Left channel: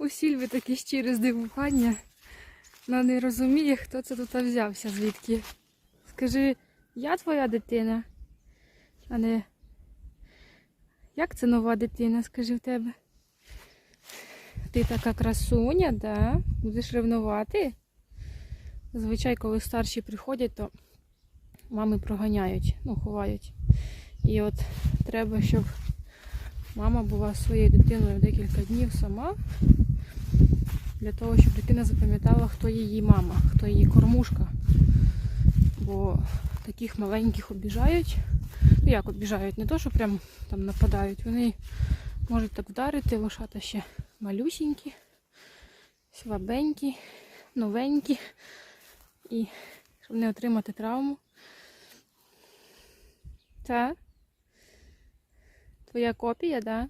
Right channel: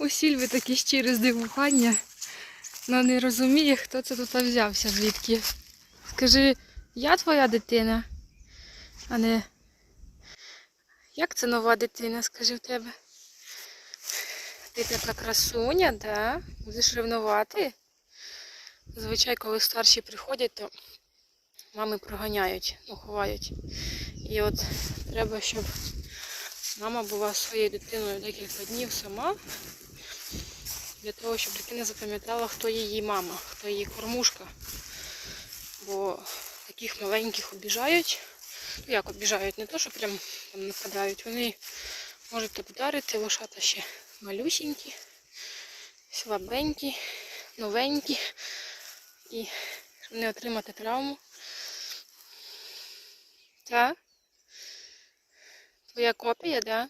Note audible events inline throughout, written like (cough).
У Сільви таке щире здивування. Вона не розуміє, хто це тут взявся звідки. Скажи, я твоя дитина, а не як це нова дитина, скажи в тебе? Ти така красуня, да? Будеш ревнувати? Зазвичай, коли старші приходять, то мами проганяють, ну, ховають. І от треба, щоб мама була своєю дитиною декілька днів сама, для того, щоб дитина запам'ятала, хто її мама, хто її кормушка. Бо таких маленьких обіжають. Ну як обіжають, не то, що прям там нападають. Вони можуть так вдарити, лошата ще малюсінькі, слабенькі, новенькі. І щоб не отримати травму. Так? Твоя копія, да?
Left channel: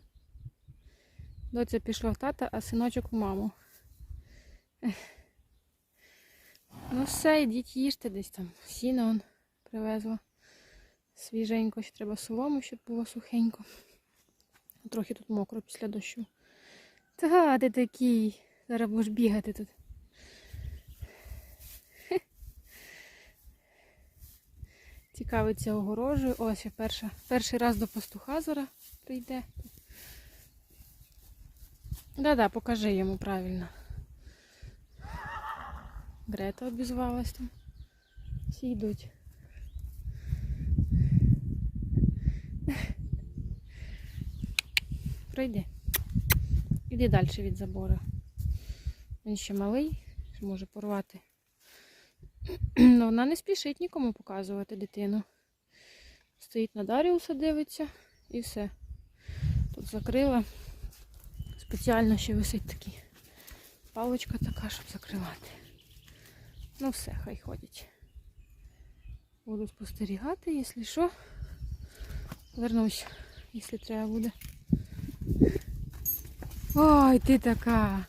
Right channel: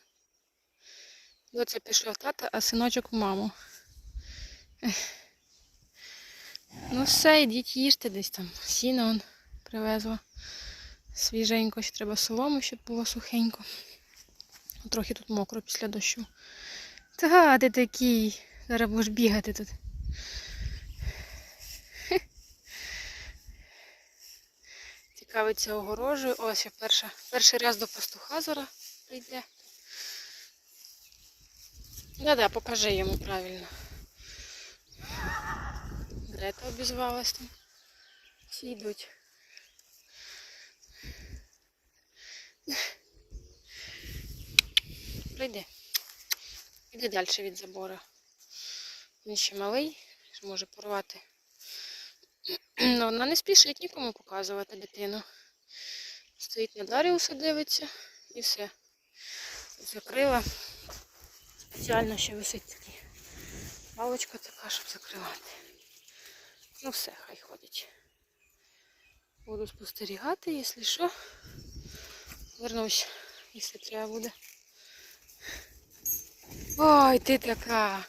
Доця пішла в тата, а синочок в маму. (sighs) Ну все, йдіть їжте десь там. Сіно он привезла. Свіженько, ще треба солому, щоб було сухенько. Трохи тут мокро після дощу. Та ти такий. Зараз будеш бігати тут. (laughs) Цікавиться огорожею. Ось я перша, перший раз до пастуха зараз прийде. Да-да, покажи йому правильно. Грета обізвалась там. Всі йдуть. Пройди. Іди далі від забору. Він ще малий, ще може порвати. Ну, вона не спішить нікому показувати дитину. Стоїть на Даріуса, дивиться і все. Тут закрила. Спеціально ще висить такий паличка така, щоб закривати. Ну все, хай ходять. Буду спостерігати, якщо що. Вернусь, якщо треба буде. Ой, ти така.